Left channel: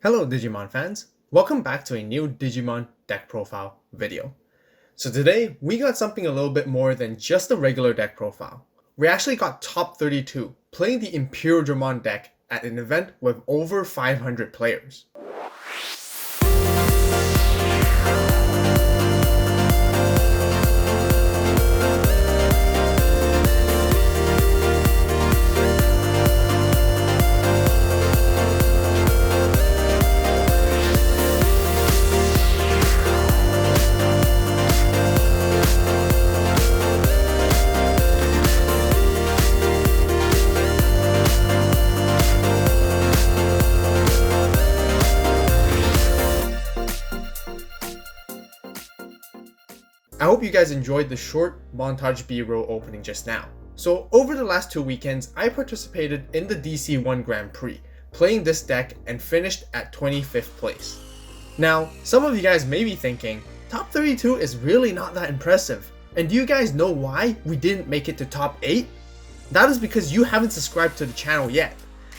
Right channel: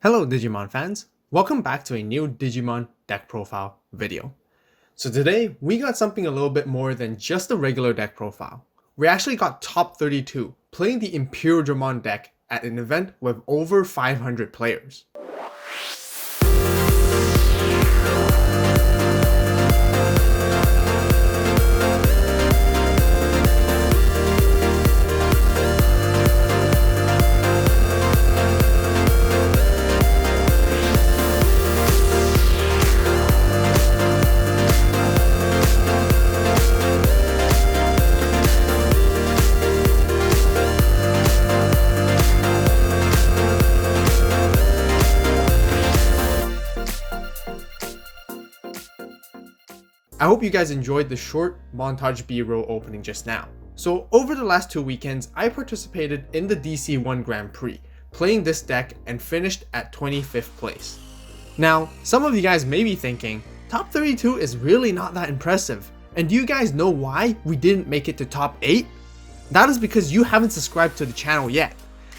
Hello Digimon fans, welcome back to a new Digimon deck profile video. So today we got something a little bit more than just a regular deck profile. We actually got top 32 playing the Imperialdramon deck at an event with over 500 players. I hope you guys enjoyed the short montage B-roll opening just now. So over the last 2 weekends, I participated in the DC-1 Grand Prix, playing this deck and finished at 25th place. Now, some of you guys may be thinking, top 32 is really not that impressive. And do you guys know why we didn't make it to top 8? That is because you haven't subscribed to the channel yet.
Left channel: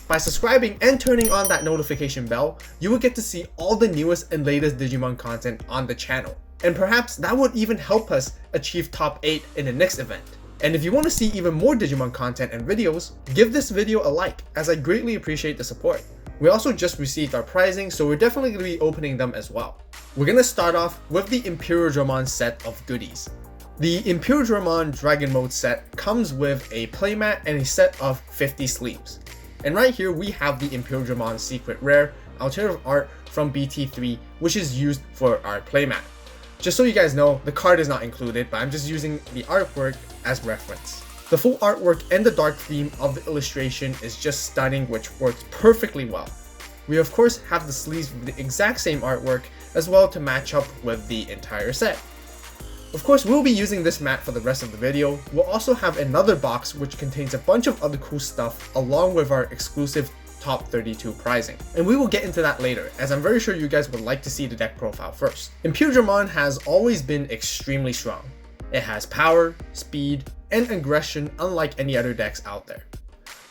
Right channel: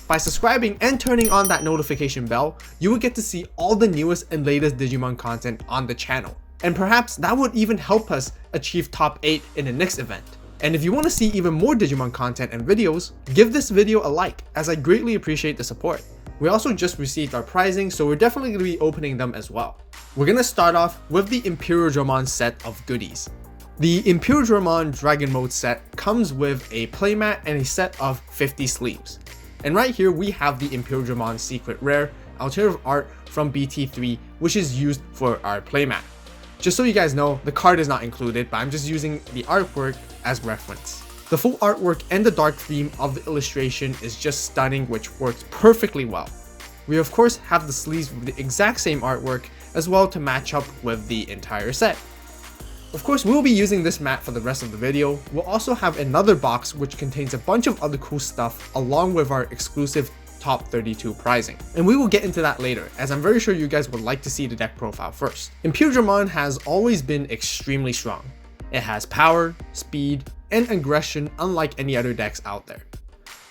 By subscribing and turning on that notification bell, you will get to see all the newest and latest Digimon content on the channel. And perhaps that would even help us achieve top 8 in the next event. And if you want to see even more Digimon content and videos, give this video a like, as I greatly appreciate the support. We also just received our prizing, so we're definitely going to be opening them as well. We're going to start off with the Imperialdramon set of goodies. The Imperialdramon Dragon Mode set comes with a playmat and a set of 50 sleeves. And right here we have the Imperialdramon Secret Rare alternative art from BT5, which is used for our playmat. Just so you guys know, the card is not included, but I'm just using the artwork as reference. The full artwork and the dark theme of the illustration is just stunning, which works perfectly well. We of course have the sleeves with the exact same artwork as well to match up with the entire set. Of course, we'll be using this mat for the rest of the video. We'll also have another box which contains a bunch of other cool stuff along with our exclusive top 32 prizing. And we will get into that later, as I'm very sure you guys would like to see the deck profile first. Imperialdramon has always been extremely strong. It has power, speed, and aggression unlike any other decks out there.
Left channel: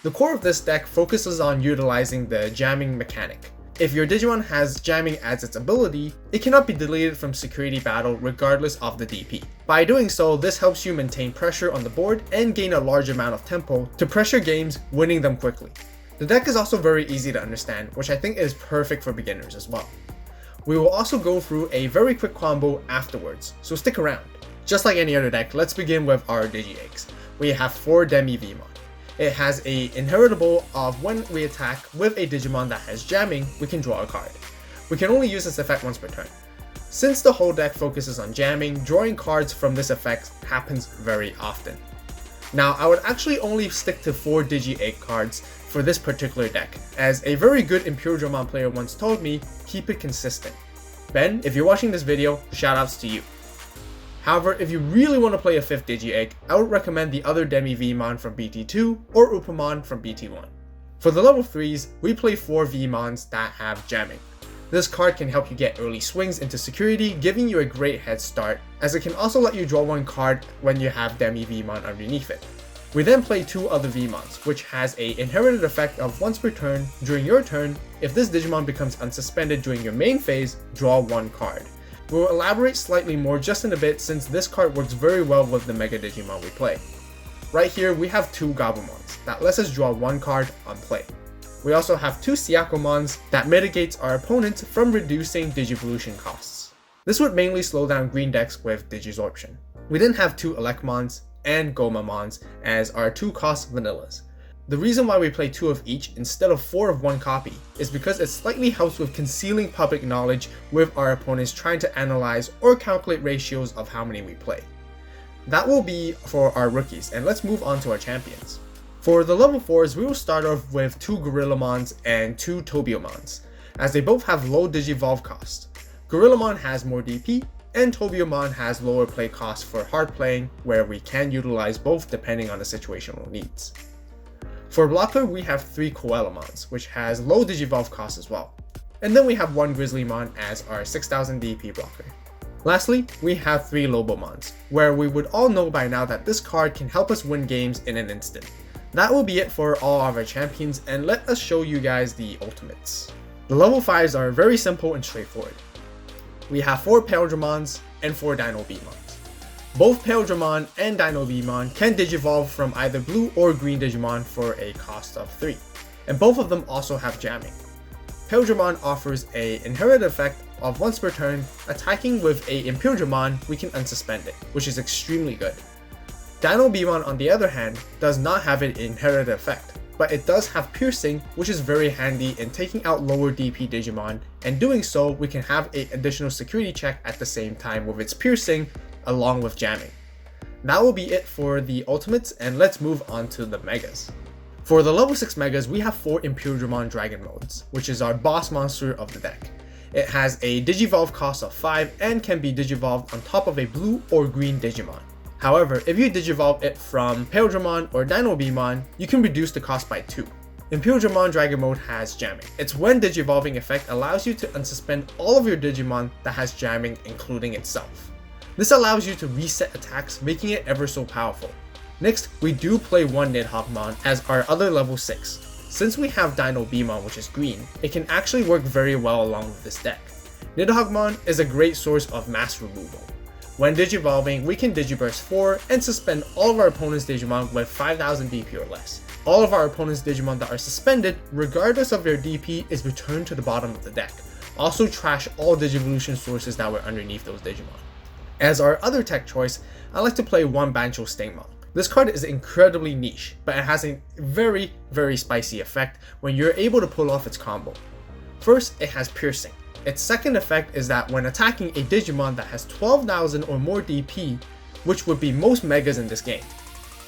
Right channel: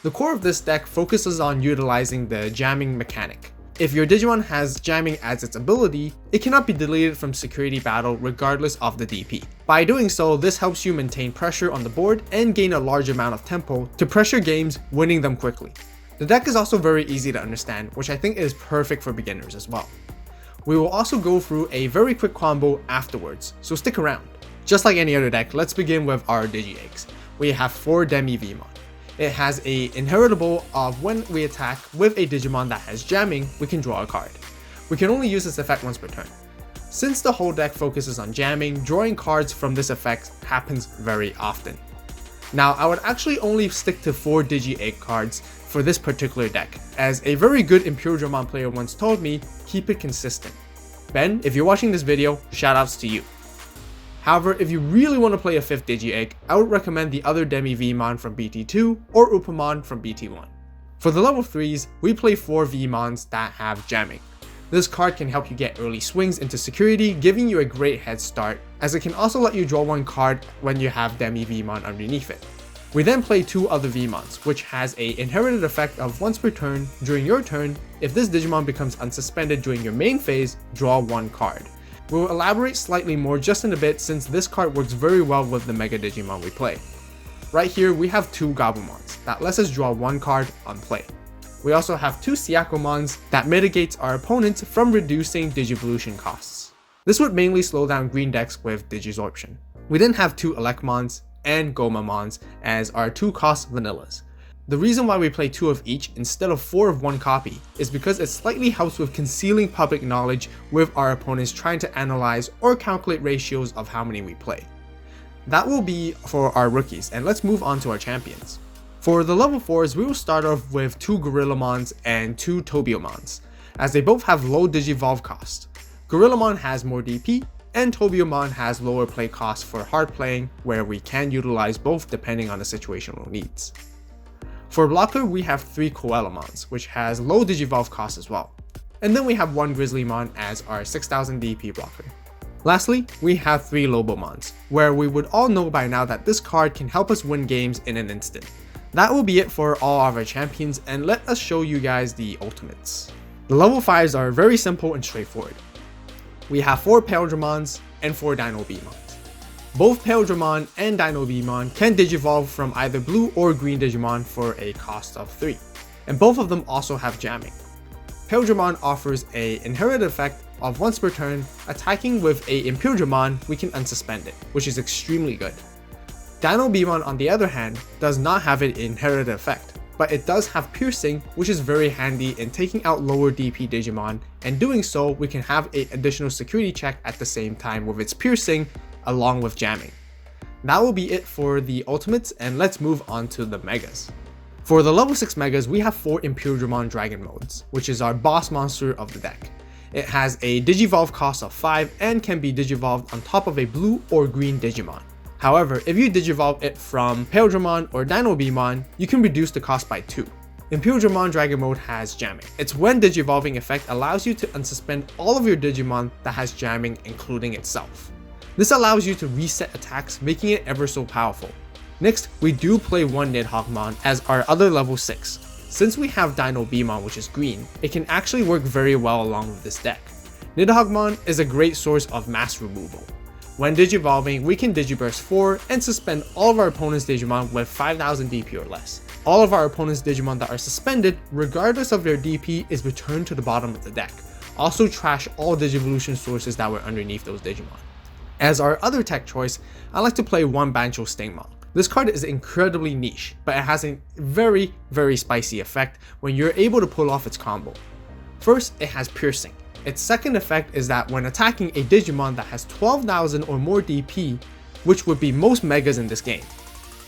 The core of this deck focuses on utilizing the jamming mechanic. If your Digimon has jamming as its ability, it cannot be deleted from security battle regardless of the DP. By doing so, this helps you maintain pressure on the board and gain a large amount of tempo to pressure games, winning them quickly. The deck is also very easy to understand, which I think is perfect for beginners as well. We will also go through a very quick combo afterwards, so stick around. Just like any other deck, let's begin with our Digi-Eggs. We have 4 Demi-Vmon. It has a inheritable of when we attack with a Digimon that has jamming, we can draw a card. We can only use this effect once per turn. Since the whole deck focuses on jamming, drawing cards from this effect happens very often. Now, I would actually only stick to 4 Digi-Egg cards for this particular deck, as a very good Imperialdramon player once told me, keep it consistent. Ben, if you're watching this video, shoutouts to you. However, if you really want to play a 5th Digi-Egg, I would recommend the other Demi-Vmon from BT2 or Upamon from BT1. For the level 3s, we play 4 Vmons that have jamming. This card can help you get early swings into security, giving you a great head start, as it can also let you draw 1 card when you have Demi-Vmon underneath it. We then play 2 other Vmons, which has a inherited effect of once per turn. During your turn, if this Digimon becomes unsuspended during your main phase, draw 1 card. We will elaborate slightly more just in a bit, since this card works very well with the Mega Digimon we play. Right here we have 2 Gabumons that lets us draw 1 card on play. We also have 2 Syakomons that mitigates our opponents from reducing Digivolution costs. This would mainly slow down green decks with Digisorption. We then have 2 Elecmons and Gomamons as our 2 cost vanillas. The reason why we play 2 of each instead of 4 of 1 copy is because it slightly helps with concealing public knowledge with our opponents trying to analyze or calculate ratios of how many we play. That will be for our rookies, and let's move on to our champions. For the level 4s, we will start off with 2 Gorillamons and 2 Tobiomons, as they both have low Digivolve cost. Gorillamon has more DP, and Tobiomon has lower play costs for hard playing, where we can utilize both depending on the situational needs. For blocker, we have 3 Koalamons, which has low Digivolve cost as well. And then we have 1 Grizzlymon as our 6000 DP blocker. Lastly, we have 3 Lobomons, where we would all know by now that this card can help us win games in an instant. That will be it for all of our champions, and let us show you guys the ultimates. The level 5s are very simple and straightforward. We have 4 Imperialdramons and 4 Dinobemons. Both Imperialdramon and Dinobemon can digivolve from either blue or green Digimon for a cost of 3, and both of them also have jamming. Imperialdramon offers an inherited effect of once per turn, attacking with a Imperialdramon, we can unsuspend it, which is extremely good. Dinobemon on the other hand does not have an inherited effect, but it does have piercing, which is very handy in taking out lower DP Digimon, and doing so we can have an additional security check at the same time with its piercing along with jamming. That will be it for the ultimates, and let's move on to the megas. For the level 6 megas, we have 4 Imperialdramon Dragon modes, which is our boss monster of the deck. It has a digivolve cost of 5 and can be digivolved on top of a blue or green Digimon. However, if you digivolve it from Imperialdramon or Dinobemon, you can reduce the cost by 2. Imperialdramon Dragon mode has jamming. Its when digivolving effect allows you to unsuspend all of your Digimon that has jamming, including itself. This allows you to reset attacks, making it ever so powerful. Next, we do play 1 Nidhoggmon as our other level 6. Since we have Dinobemon, which is green, it can actually work very well along with this deck. Nidhoggmon is a great source of mass removal. When digivolving, we can digiburst 4 and suspend all of our opponent's Digimon with 5000 DP or less. All of our opponent's Digimon that are suspended, regardless of their DP, is returned to the bottom of the deck. Also trash all Digivolution sources that were underneath those Digimon. As our other tech choice, I like to play 1 Bancho Stingmon. This card is incredibly niche, but it has a very spicy effect when you're able to pull off its combo. First, it has piercing. Its second effect is that when attacking a Digimon that has 12,000 or more DP, which would be most megas in this game,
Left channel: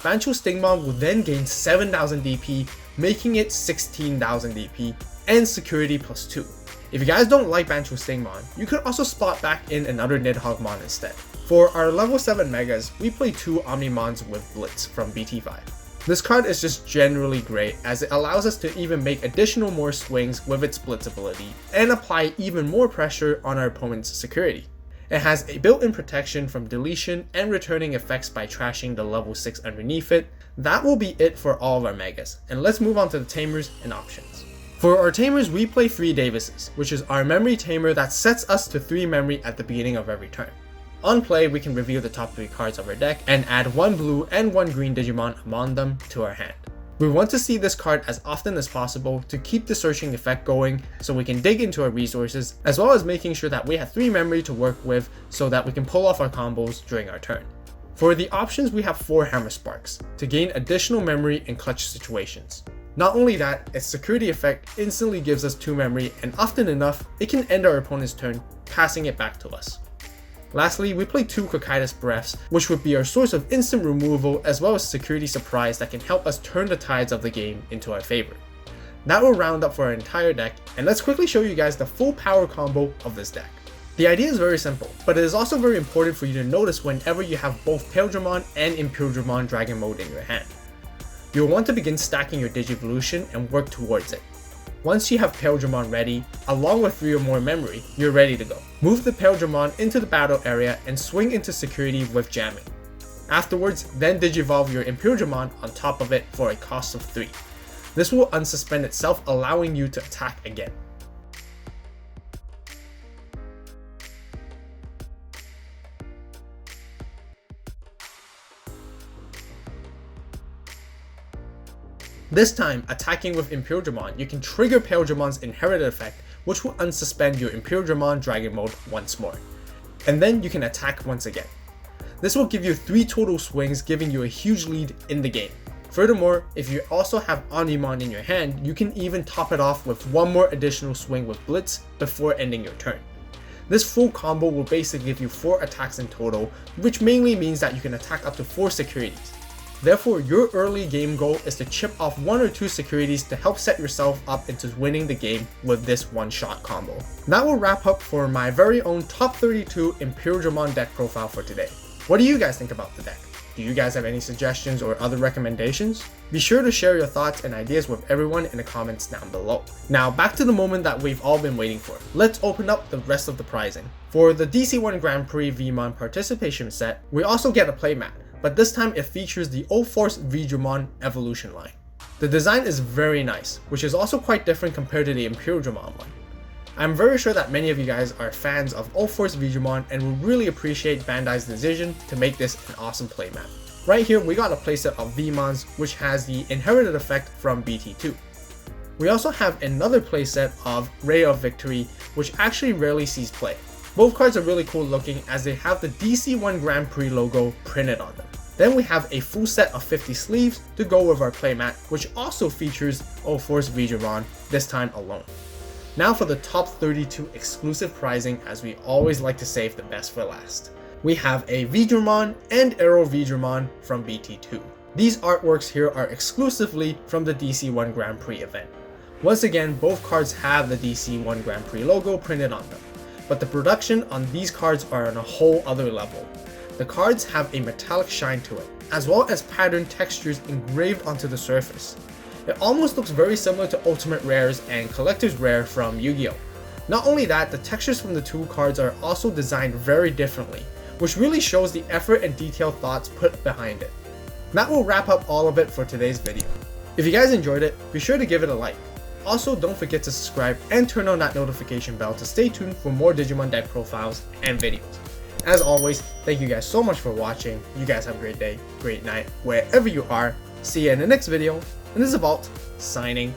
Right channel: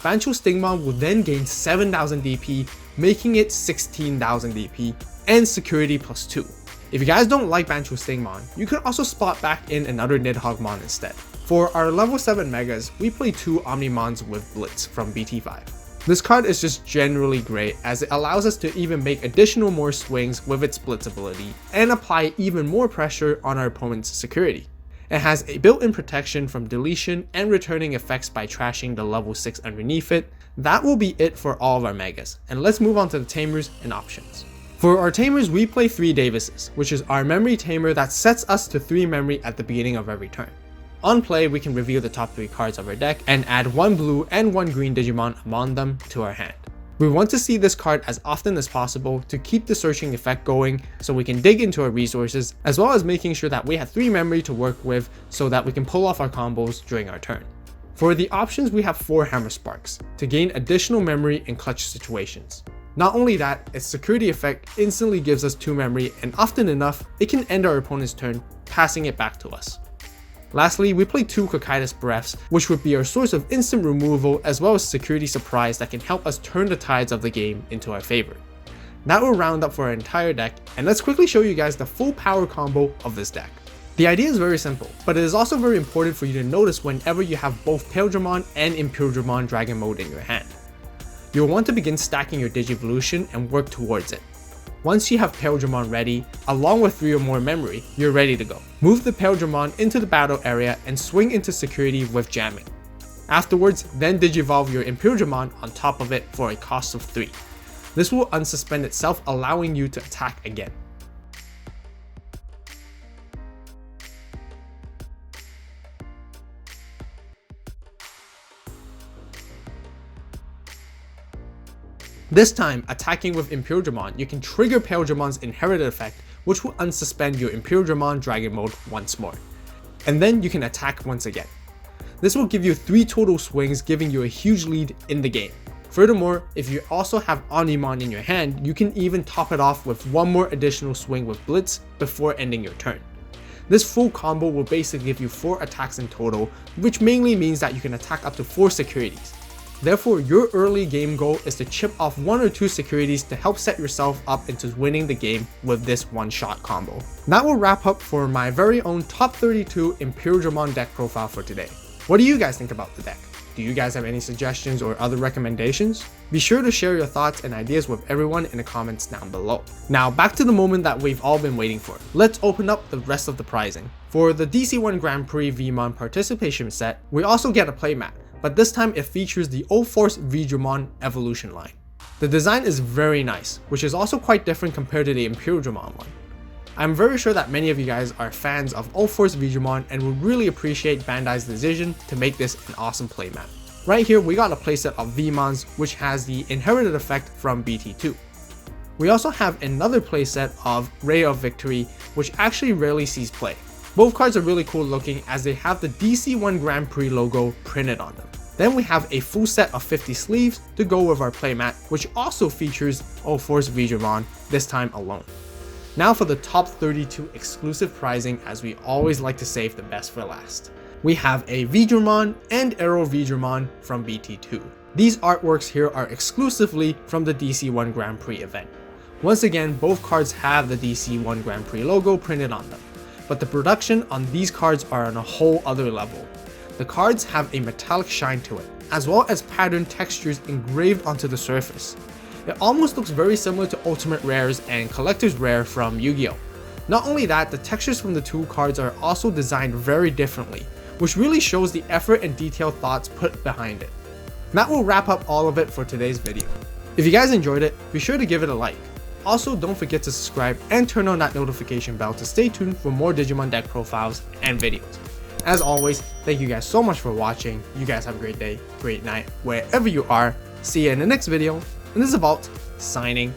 Bancho Stingmon will then gain 7,000 DP, making it 16,000 DP, and security plus 2. If you guys don't like Bancho Stingmon, you could also spot back in another Nidhoggmon instead. For our level 7 megas, we play 2 Omnimons with Blitz from BT5. This card is just generally great as it allows us to even make additional more swings with its Blitz ability and apply even more pressure on our opponent's security. It has a built-in protection from deletion and returning effects by trashing the level 6 underneath it. That will be it for all of our megas, and let's move on to the Tamers and options. For our Tamers, we play 3 Davises, which is our memory Tamer that sets us to 3 memory at the beginning of every turn. On play, we can reveal the top 3 cards of our deck and add 1 blue and 1 green Digimon among them to our hand. We want to see this card as often as possible to keep the searching effect going so we can dig into our resources, as well as making sure that we have 3 memory to work with so that we can pull off our combos during our turn. For the options, we have 4 Hammer Sparks to gain additional memory in clutch situations. Not only that, its security effect instantly gives us 2 memory, and often enough, it can end our opponent's turn, passing it back to us. Lastly, we play 2 Cocytus Breaths, which would be our source of instant removal as well as security surprise that can help us turn the tides of the game into our favor. That will round up for our entire deck, and let's quickly show you guys the full power combo of this deck. The idea is very simple, but it is also very important for you to notice whenever you have both Imperialdramon and Imperialdramon Dragon mode in your hand. You'll want to begin stacking your Digivolution and work towards it. Once you have Imperialdramon ready, along with 3 or more memory, you're ready to go. Move the Imperialdramon into the battle area and swing into security with jamming. Afterwards, then digivolve your Imperialdramon on top of it for a cost of 3. This will unsuspend itself, allowing you to attack again. This time, attacking with Imperialdramon, you can trigger Imperialdramon's inherited effect, which will unsuspend your Imperialdramon Dragon mode once more. And then you can attack once again. This will give you 3 total swings, giving you a huge lead in the game. Furthermore, if you also have Omnimon in your hand, you can even top it off with 1 more additional swing with Blitz before ending your turn. This full combo will basically give you 4 attacks in total, which mainly means that you can attack up to 4 securities. Therefore, your early game goal is to chip off 1 or 2 securities to help set yourself up into winning the game with this one-shot combo. That will wrap up for my very own top 32 Imperialdramon deck profile for today. What do you guys think about the deck? Do you guys have any suggestions or other recommendations? Be sure to share your thoughts and ideas with everyone in the comments down below. Now back to the moment that we've all been waiting for. Let's open up the rest of the prizing. For the DC-1 Grand Prix VMon participation set, we also get a playmat, but this time it features the O-Force VDramon evolution line. The design is very nice, which is also quite different compared to the Imperialdramon one. I'm very sure that many of you guys are fans of All-Force Digimon and would really appreciate Bandai's decision to make this an awesome playmat. Right here we got a playset of VMons, which has the inherited effect from BT2. We also have another playset of Ray of Victory, which actually rarely sees play. Both cards are really cool looking as they have the DC-1 Grand Prix logo printed on them. Then we have a full set of 50 sleeves to go with our playmat, which also features All-Force Digimon, this time alone. Now for the top 32 exclusive pricing, as we always like to save the best for last. We have a Digimon and Arrow Digimon from BT2. These artworks here are exclusively from the DC-1 Grand Prix event. Once again, both cards have the DC-1 Grand Prix logo printed on them, but the production on these cards are on a whole other level. The cards have a metallic shine to it, as well as pattern textures engraved onto the surface. It almost looks very similar to Ultimate Rares and Collector's Rare from Yu-Gi-Oh! Not only that, the textures from the two cards are also designed very differently, which really shows the effort and detailed thoughts put behind it. That will wrap up all of it for today's video. If you guys enjoyed it, be sure to give it a like. Also, don't forget to subscribe and turn on that notification bell to stay tuned for more Digimon deck profiles and videos. As always, thank you guys so much for watching. You guys have a great day, great night, wherever you are. See you in the next video. And this is AVAULT, signing